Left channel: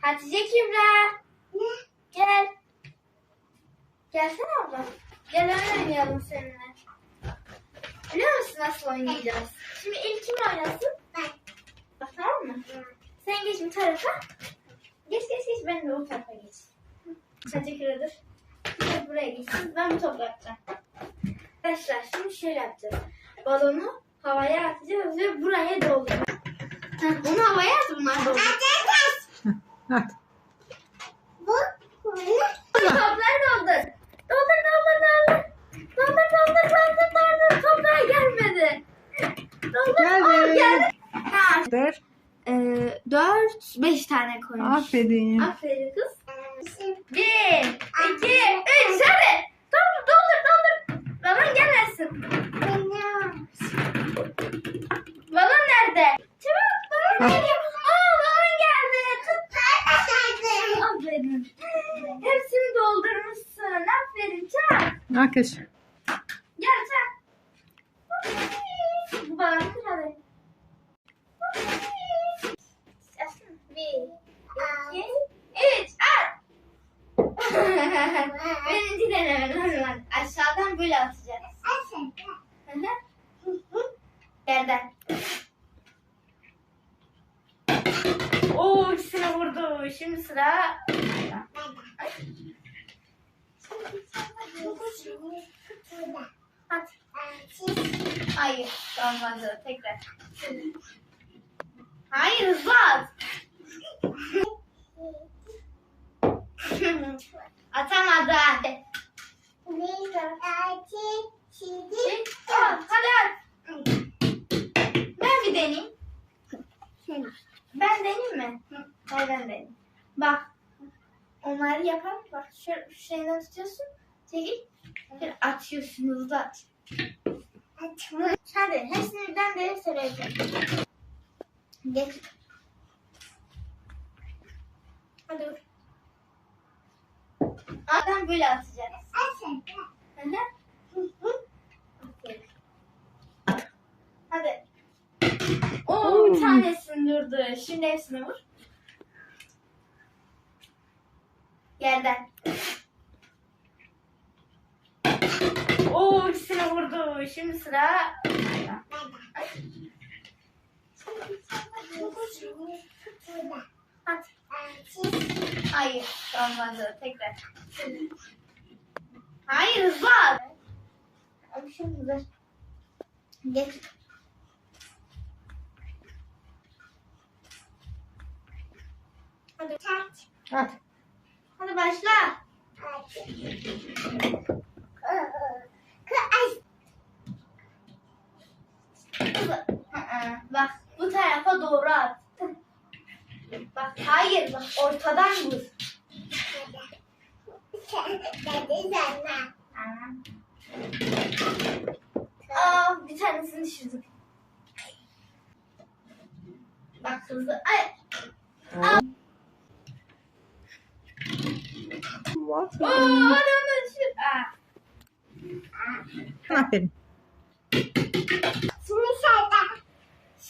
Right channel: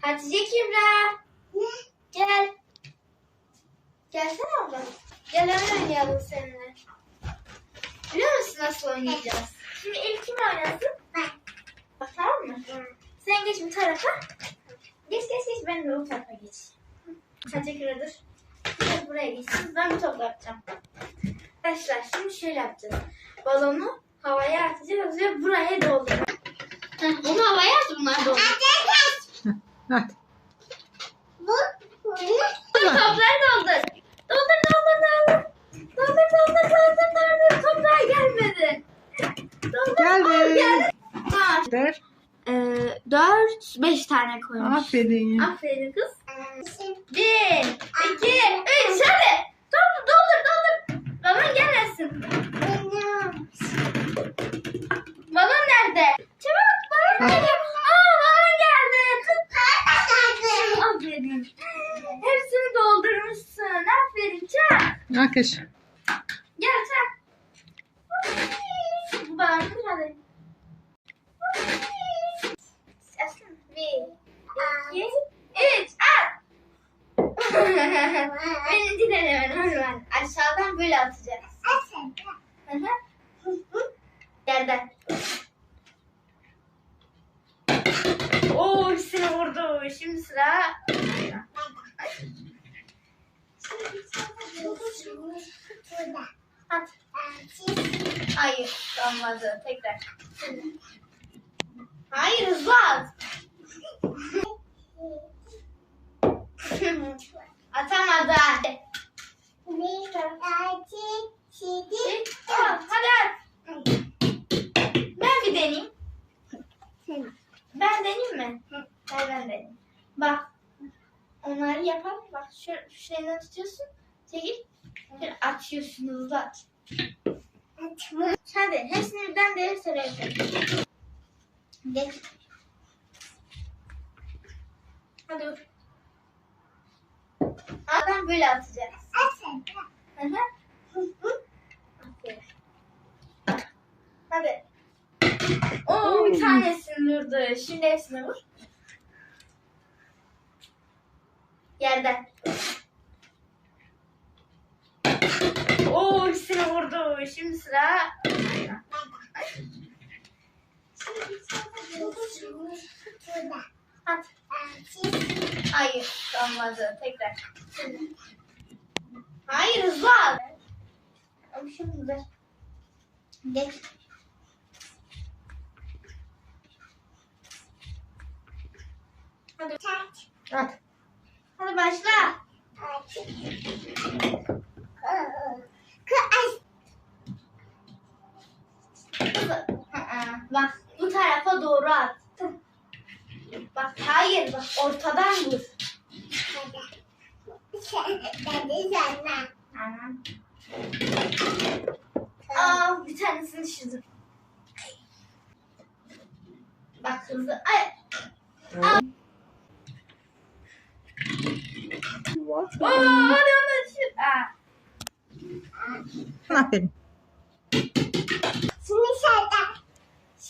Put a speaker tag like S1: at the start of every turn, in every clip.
S1: Hatice Kübra. Gel. Gelsene abla. Gel oyun oynayalım seninle. Biliyor musun nasıl oynayacağız? Şimdi ilk kim oynasın?
S2: Ben.
S1: Tamam mı? Sen geç bir tarafa. Geç geç geç ben de o tarafa geç. Hatice Kübra dur. Siz buraya geçsin. Ben bu topu yapacağım. Arkadaşlar şimdi şöyle yapacağız. Balonu havaya atacağız ve buraya dolduracağız. Onu havaya at bunlar dolduracak.
S3: Hadi.
S2: Bu. Bu.
S1: Topları doldur. Doldur doldur doldur. Doldur doldur doldur doldur. Toplar gelmedi. Doldur.
S3: Geldi.
S1: Aa, geldi.
S3: Dur.
S1: Ee, dört, beş tane koymuş.
S3: Aferin.
S1: Aferin kız. Bir, iki, üç. Hadi. Doldur doldur doldur. Balon gelmesin.
S2: Benim.
S1: Balon nerede? Çabuk balon
S3: Ah.
S1: geliyor. Aa balon geldi. Tut.
S2: Arkadaşlar.
S1: Aferin. Hepsini doldurmuşsun. Aferin çak.
S3: Alkış.
S1: Gel sen. Bu balonun hadi. Üç. At. Birinci deneme normal. Aşağıdan böyle atacağız. Hı hı. Yerden. Oo ikisini vurdu. Şimdi sıra. At. Hayır. Olmadı. Tekrar. Hayır hızlı at. Atamadı. Çek. Al, Hadi. Ben bir deneyeyim. Ben deneyeyim mi? Hayır ben deneyeyim. Bak. Onları yapalım. Bak şu, şu şeyden tutuyorsun. Çekil. Şöyle atıyorsun hızlı at. Hadi hepsini birden dev söyleyeceğim. Geç. Hadi vur. Adam böyle atacağız. Hı hı. Aferin. Hadi. Oo bir tanesini vurdu. Şimdi hepsini vur. Yerden. Oo vurdu. Şimdi sıra. Ay. Hayır. Olmadı. Tekrar. Hayır hızlı at. Abi şimdi. Geç. Hadi.
S3: At.
S1: Hadi başla. Hızlı. Bak bu tarafa doğru at. Bak hayır bak ortadan vur. Tamam. Aa bir tanesini düşürdüm. Bak hızlı. Ay. Aa. Hadi onu düşür. Aa.
S3: Aferin.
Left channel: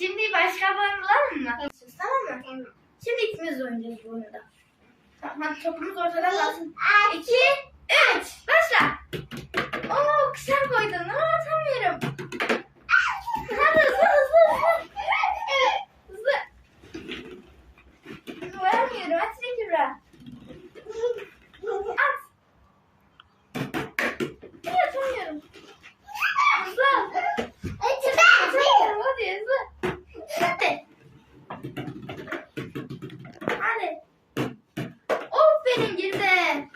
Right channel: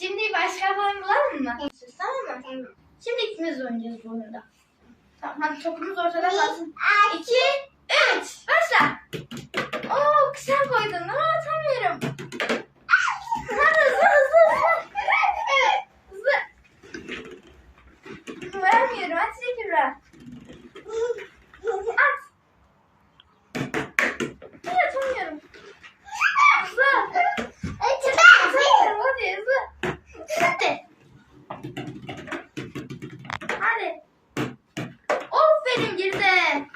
S1: Şimdi başka oyun bulalım mı? Tamam mı? Şimdi ikimiz oynayacağız bu oyunda. Tamam hadi topumuz ortada kalsın. İki, üç, başla. Oo sen koydun ama atamıyorum. Hadi hızlı hızlı hızlı. Evet hızlı. Vermiyorum at Kübra. At. Niye atamıyorum? Hızlı. Atamıyorum hadi hızlı. Hadi. Hadi. Aferin girdi.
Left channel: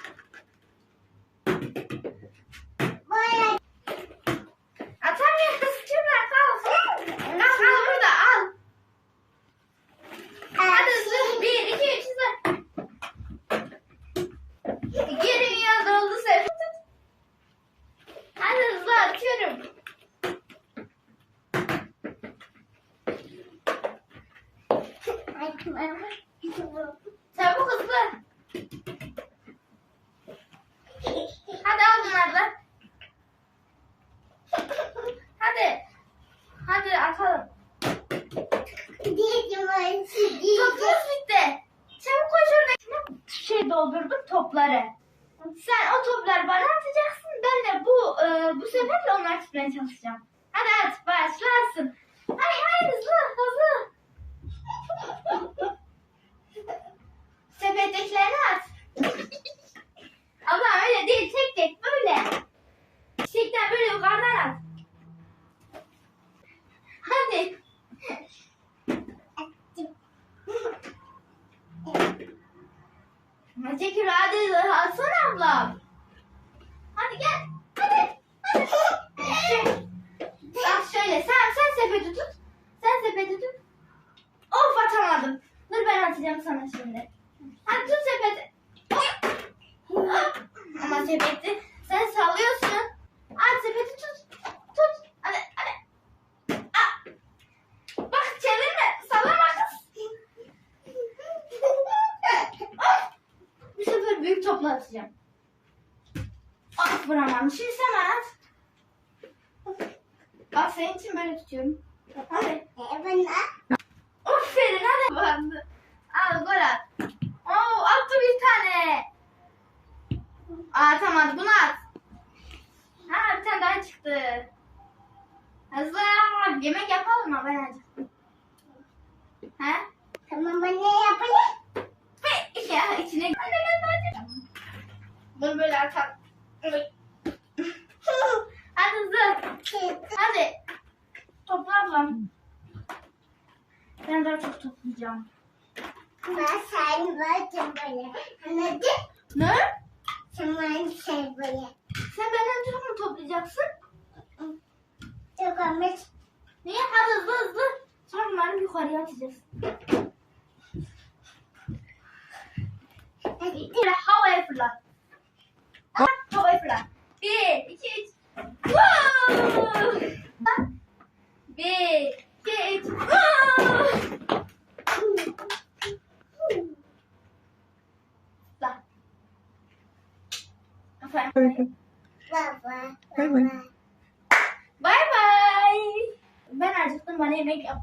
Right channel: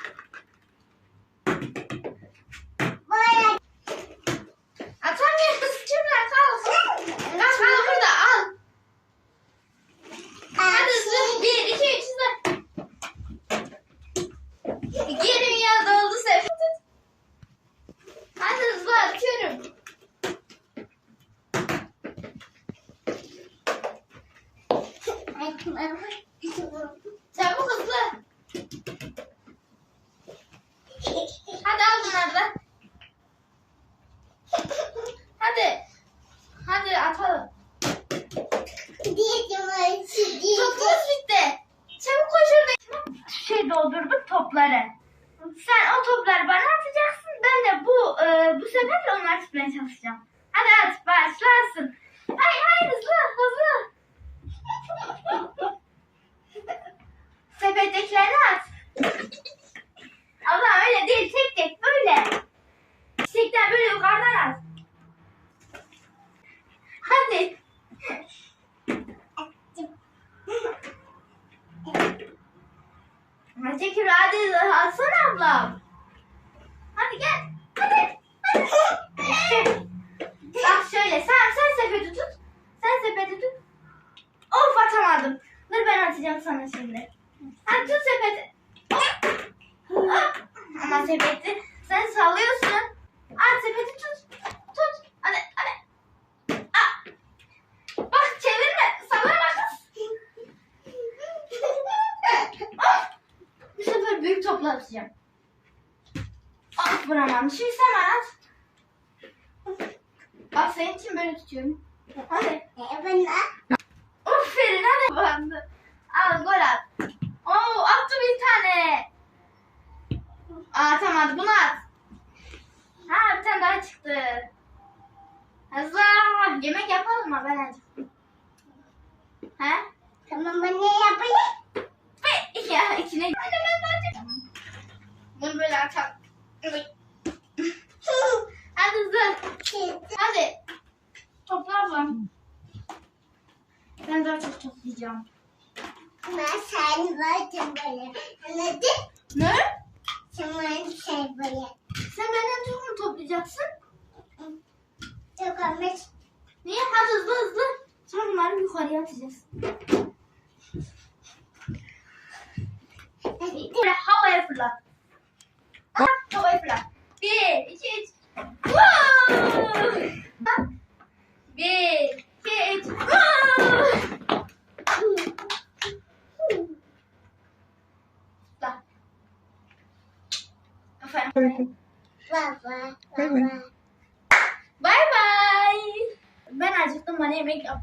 S1: Atamıyoruz Kübra kal. Kal kal burada al. Hadi hızlı. Bir, iki, üç hızlı. İki yerim ya doldu sefer. Hadi hızlı atıyorum. Çabuk hızlı. Hadi al bunları da. Hadi. Hadi atalım. Topumuz bitti. Çabuk koş orada doldurdum topları. Sen o topları bana atacaksın. Ben de bu e, bu seferle onları tutmaya çalışacağım. Hadi at başlasın. Hay hay hızlı hızlı. Sepettekilerini at. Ama öyle değil tek tek böyle. Çiçekten böyle yukarıdan at. Hadi. Kübra hadi alsana ablam. Hadi gel. Hadi. Hadi. Bak şöyle sen sen sepeti tut. Sen sepeti tut. Of atamadım. Dur ben atacağım sana şimdi. Hadi tut sepeti. Hop. Hop. Ama sepeti sen sallıyorsun. At sepeti tut. Tut. Hadi hadi. Ah. Bak çevirme. Sallama kız. Ah. Bu sefer büyük topla atacağım. Ah vuramadım. Şimdi sen bana at. Bak senin için böyle tutuyorum. Hadi. Aferin hadi. Al gol at. Oo attı bir tane. Aa tamam bunu at. Ha bir tane daha çıktı. Hızlı. Yemek yapalım mı ben acıktım. He?
S2: Tamam ben ne yapayım?
S1: Be- Ya içine Anne ben acıktım. Bunu böyle atalım. Hadi hızlı. Hadi. Topla ablam. Ben daha çok toplayacağım.
S2: Ben seni böyle böyle. Anladın?
S1: Ne?
S2: Sen bana şey böyle.
S1: Sen benden çok mu toplayacaksın?
S2: Çok olmuş.
S1: Niye? Hadi hızlı hızlı. Sonra bunları yukarıya atacağız. Bir havaya fırlat. Ha, Havaya fırlat. Bir, iki, üç. Wow! Bir, iki, üç. Wow! Fırlat. Aferin.
S2: Baba.
S3: Bay bay.
S2: Baba.
S1: Bay bay. Ben acıktım bana yemek yap.